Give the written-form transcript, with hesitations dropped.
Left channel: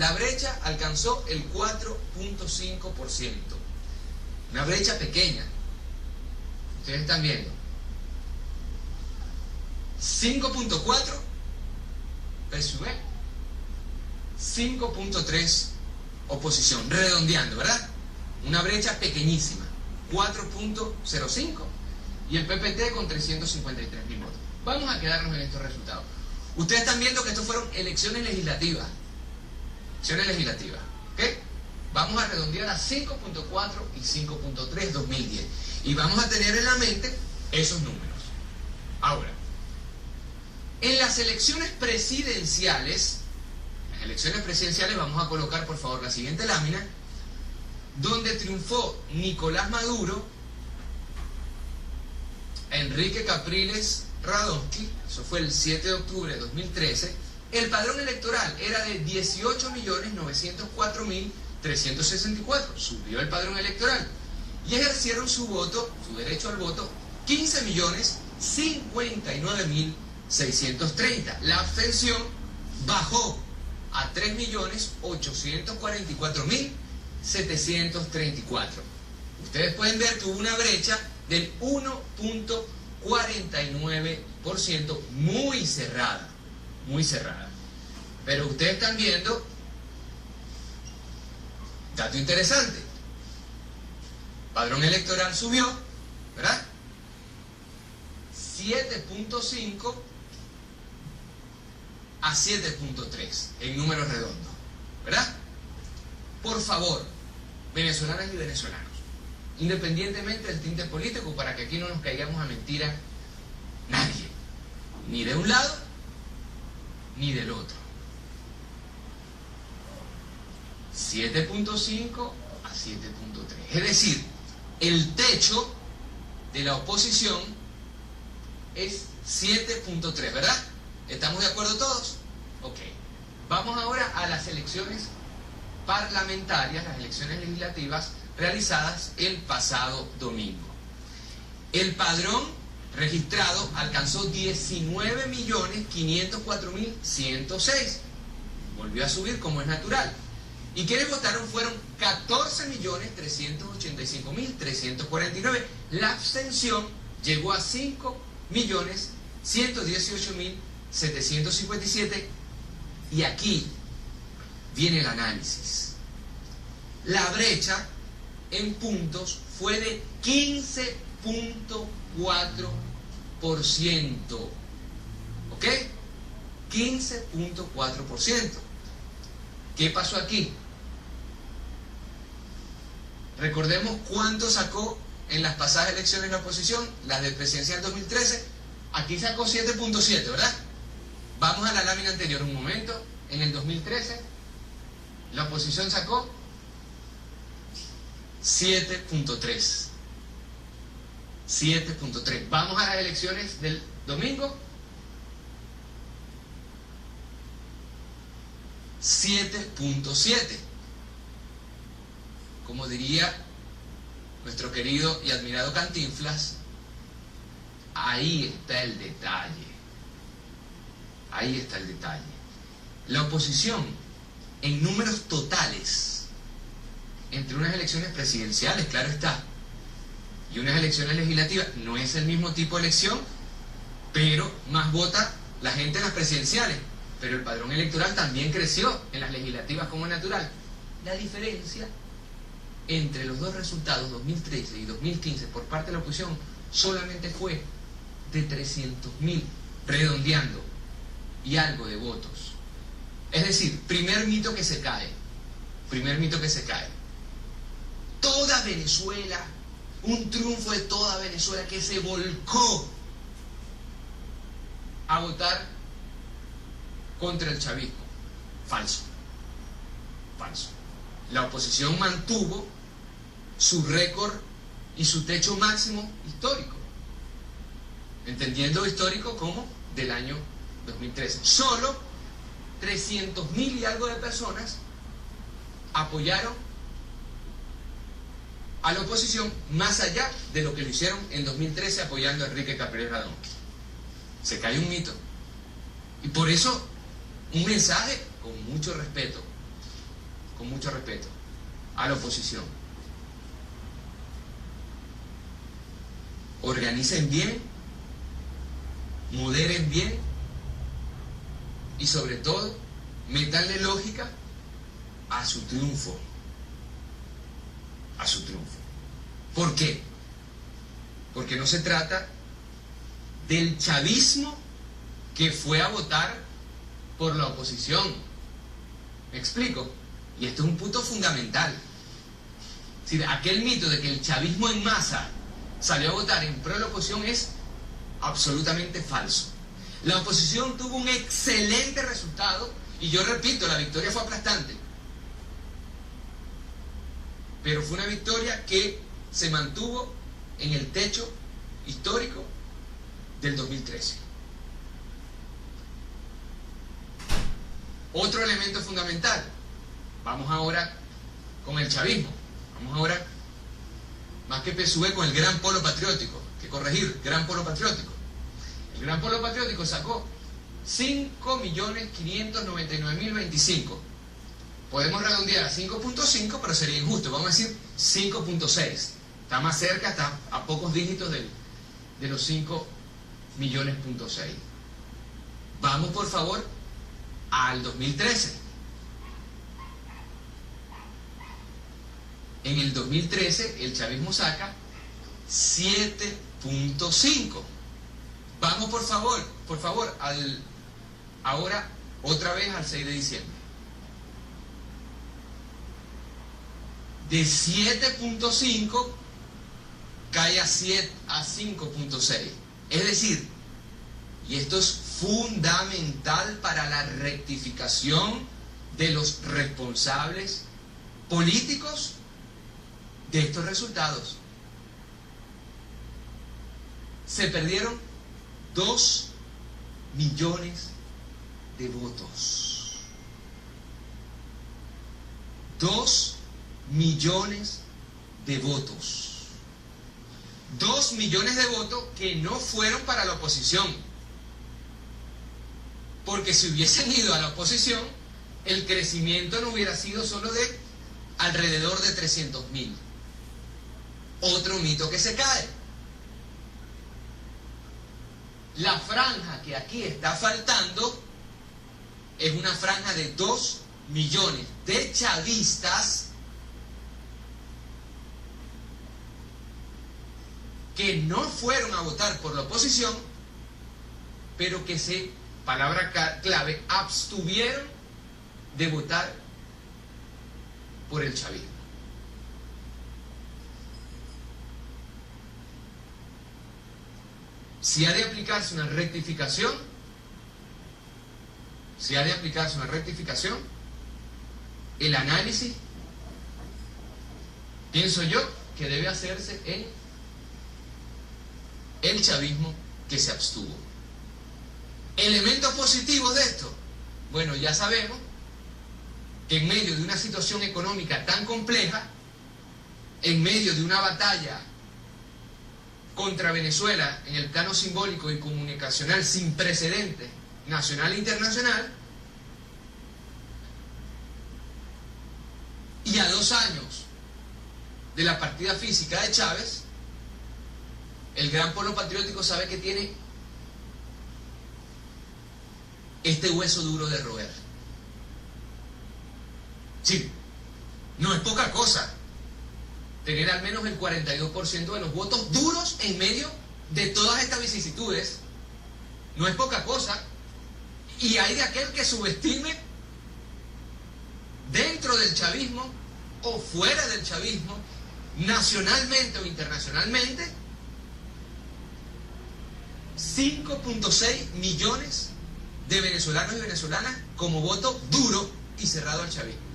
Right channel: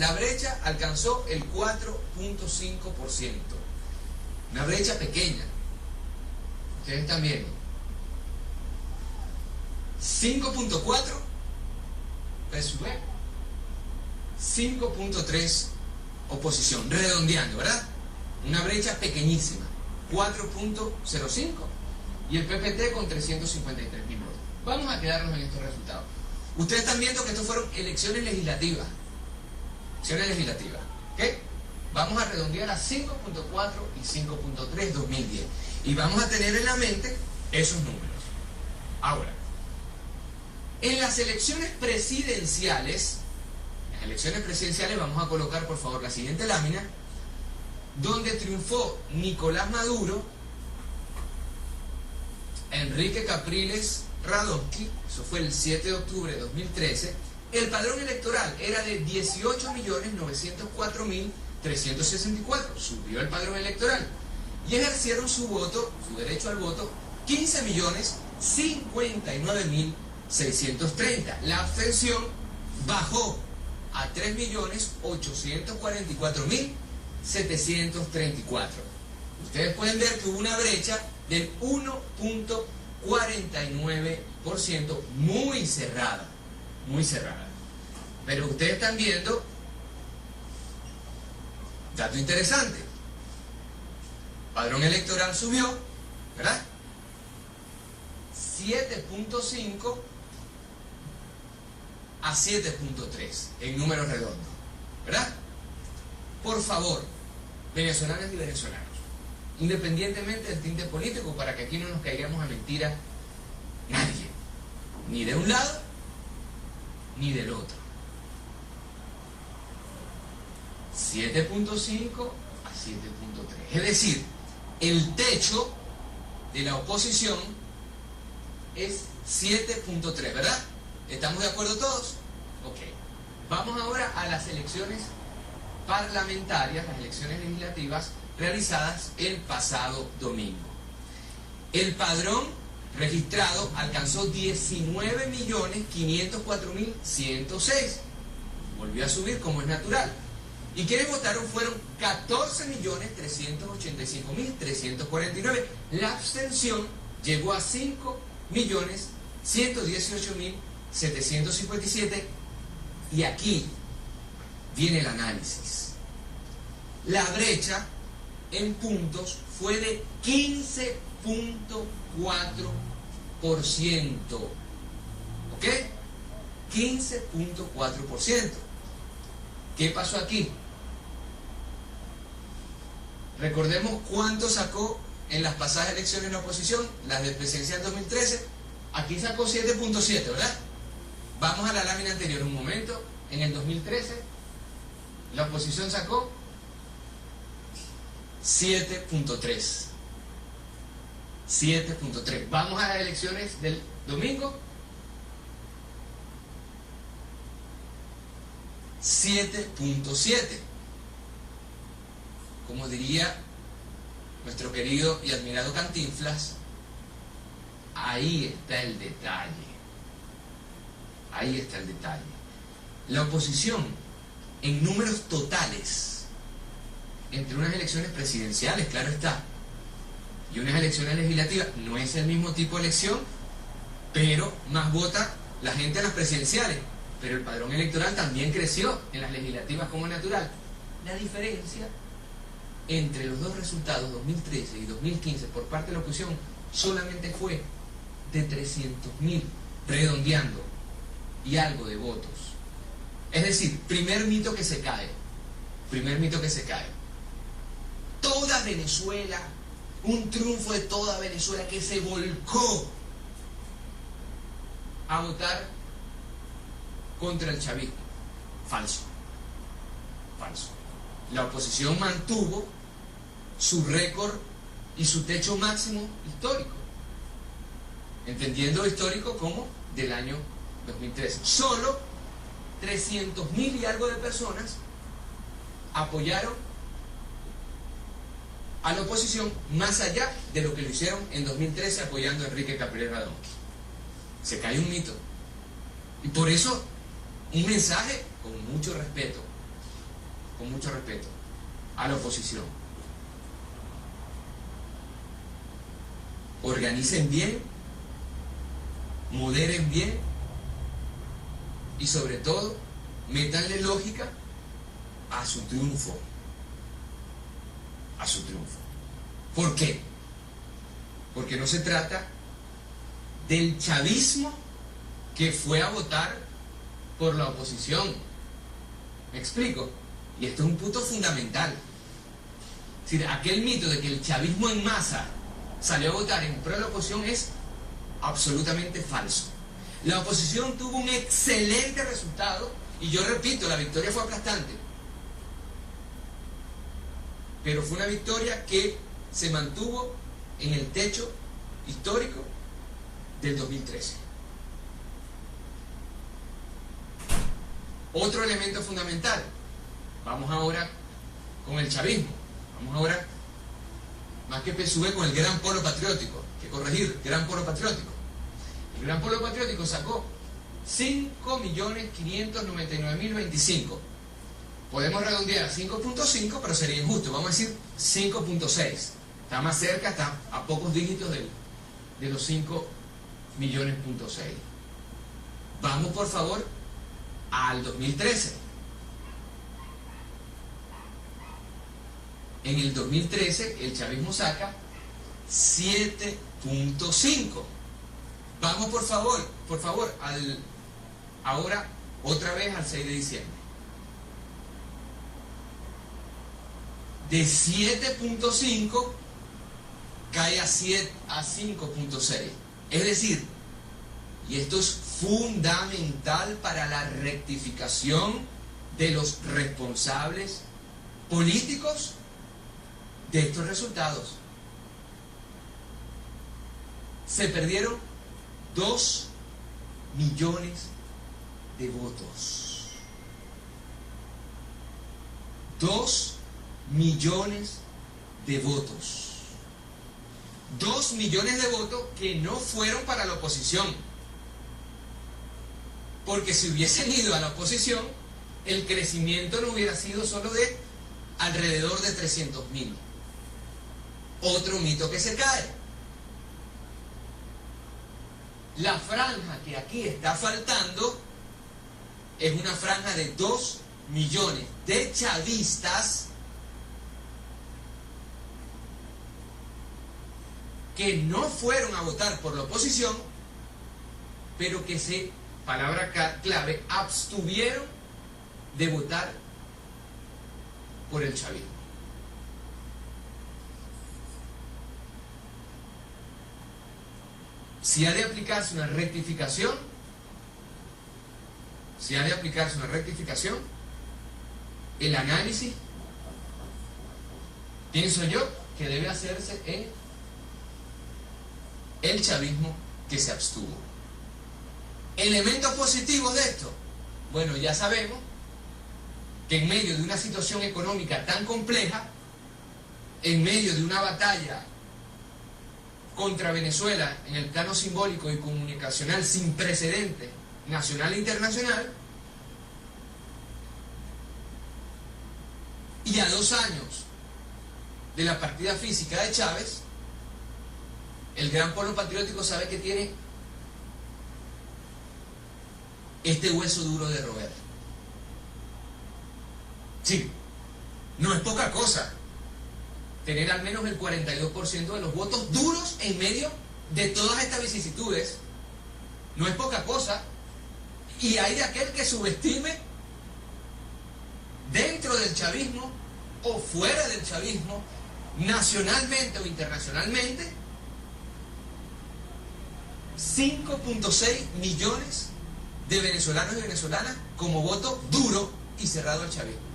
la brecha alcanzó el 4.5%. Una brecha pequeña. Ustedes están viendo. 5.4 PSUV, 5.3 oposición, redondeando, ¿verdad? Una brecha pequeñísima, 4.05, y el PPT con 353.000 votos. Vamos a quedarnos en estos resultados. Ustedes están viendo que estos fueron elecciones legislativas. ¿Ok? Vamos a redondear a 5.4 y 5.3 2010. Y vamos a tener en la mente esos números. Ahora, en las elecciones presidenciales, vamos a colocar por favor la siguiente lámina, donde triunfó Nicolás Maduro, Enrique Capriles Radonsky, eso fue el 7 de octubre de 2013, el padrón electoral era de 18.904.364, subió el padrón electoral, y ejercieron su voto, su derecho al voto, 15.059.630. La abstención bajó a 3.844.734. Ustedes pueden ver que hubo una brecha del 1.49%, muy cerrada. Pero ustedes están viendo, dato interesante, padrón electoral subió, ¿verdad? 7.5 a 7.3 en números redondos, ¿verdad? Por favor, venezolanas y venezolanos, independientemente del tinte político, para que aquí no nos caigamos a mentira nadie, ni de un lado ni del otro. 7.5 a 7.3, es decir, el techo de la oposición es 7.3, ¿verdad? ¿Estamos de acuerdo todos? Ok. Vamos ahora a las elecciones parlamentarias, las elecciones legislativas realizadas el pasado domingo. El padrón registrado alcanzó 19.504.106. Volvió a subir como es natural. Y quienes votaron fueron 14.385.349. La abstención llegó a 5.118.757. Y aquí viene el análisis. La brecha en puntos fue de 15.4%. ¿Ok? 15.4%. ¿Qué pasó aquí? Recordemos cuánto sacó en las pasadas elecciones la oposición, las del presidencial 2013. Aquí sacó 7.7, ¿verdad? Vamos a la lámina anterior un momento. En el 2013 la oposición sacó 7.3. 7.3. Vamos a las elecciones del domingo. 7.7. Como diría nuestro querido y admirado Cantinflas, ahí está el detalle. Ahí está el detalle. La oposición, en números totales, entre unas elecciones presidenciales, claro está, y unas elecciones legislativas, no es el mismo tipo de elección, pero más vota la gente en las presidenciales. Pero el padrón electoral también creció en las legislativas como natural. La diferencia entre los dos resultados, 2013 y 2015, por parte de la oposición, solamente fue de 300.000, redondeando, y algo de votos. Es decir, primer mito que se cae. Toda Venezuela, un triunfo de toda Venezuela que se volcó a votar contra el chavismo. Falso. La oposición mantuvo su récord y su techo máximo histórico, entendiendo histórico como del año 2013. Solo 300.000 y algo de personas apoyaron a la oposición, más allá de lo que lo hicieron en 2013 apoyando a Enrique Capriles Radonsky. Se cae un mito. Y por eso, un mensaje con mucho respeto. con mucho respeto, a la oposición. Organicen bien, moderen bien y sobre todo, métanle lógica a su triunfo. A su triunfo. ¿Por qué? Porque no se trata del chavismo que fue a votar por la oposición. ¿Me explico? Y esto es un punto fundamental. Es decir, aquel mito de que el chavismo en masa salió a votar en pro de la oposición es absolutamente falso. La oposición tuvo un excelente resultado y yo repito, la victoria fue aplastante. Pero fue una victoria que se mantuvo en el techo histórico del 2013. Otro elemento fundamental. Vamos ahora con el chavismo. Vamos ahora, más que PSUV, con el Gran Polo Patriótico. Que corregir, Gran Polo Patriótico. El Gran Polo Patriótico sacó 5.599.025. Podemos redondear a 5.5, pero sería injusto. Vamos a decir 5.6. Está más cerca, está a pocos dígitos de los 5.6 millones. Vamos, por favor, al 2013. En el 2013 el chavismo saca 7.5. Vamos, por favor, ahora otra vez al 6 de diciembre. De 7.5 cae a 5.6. Es decir, y esto es fundamental para la rectificación de los responsables políticos de estos resultados. Se perdieron 2 millones de votos. 2 millones de votos. 2 millones de votos que no fueron para la oposición. Porque si hubiesen ido a la oposición, el crecimiento no hubiera sido solo de alrededor de 300.000. Otro mito que se cae. La franja que aquí está faltando es una franja de 2 millones de chavistas que no fueron a votar por la oposición, pero que se, palabra clave, abstuvieron de votar por el chavismo. Si ha de aplicarse una rectificación, el análisis, pienso yo, que debe hacerse en el chavismo que se abstuvo. Elementos positivos de esto. Bueno, ya sabemos que en medio de una situación económica tan compleja, en medio de una batalla contra Venezuela en el plano simbólico y comunicacional sin precedentes, nacional e internacional, y a 2 años de la partida física de Chávez, el Gran Polo Patriótico sabe que tiene este hueso duro de roer. Sí, no es poca cosa tener al menos el 42% de los votos duros en medio de todas estas vicisitudes. No es poca cosa. Y hay de aquel que subestime, dentro del chavismo o fuera del chavismo, nacionalmente o internacionalmente, 5.6 millones de venezolanos y venezolanas como voto duro y cerrado al chavismo.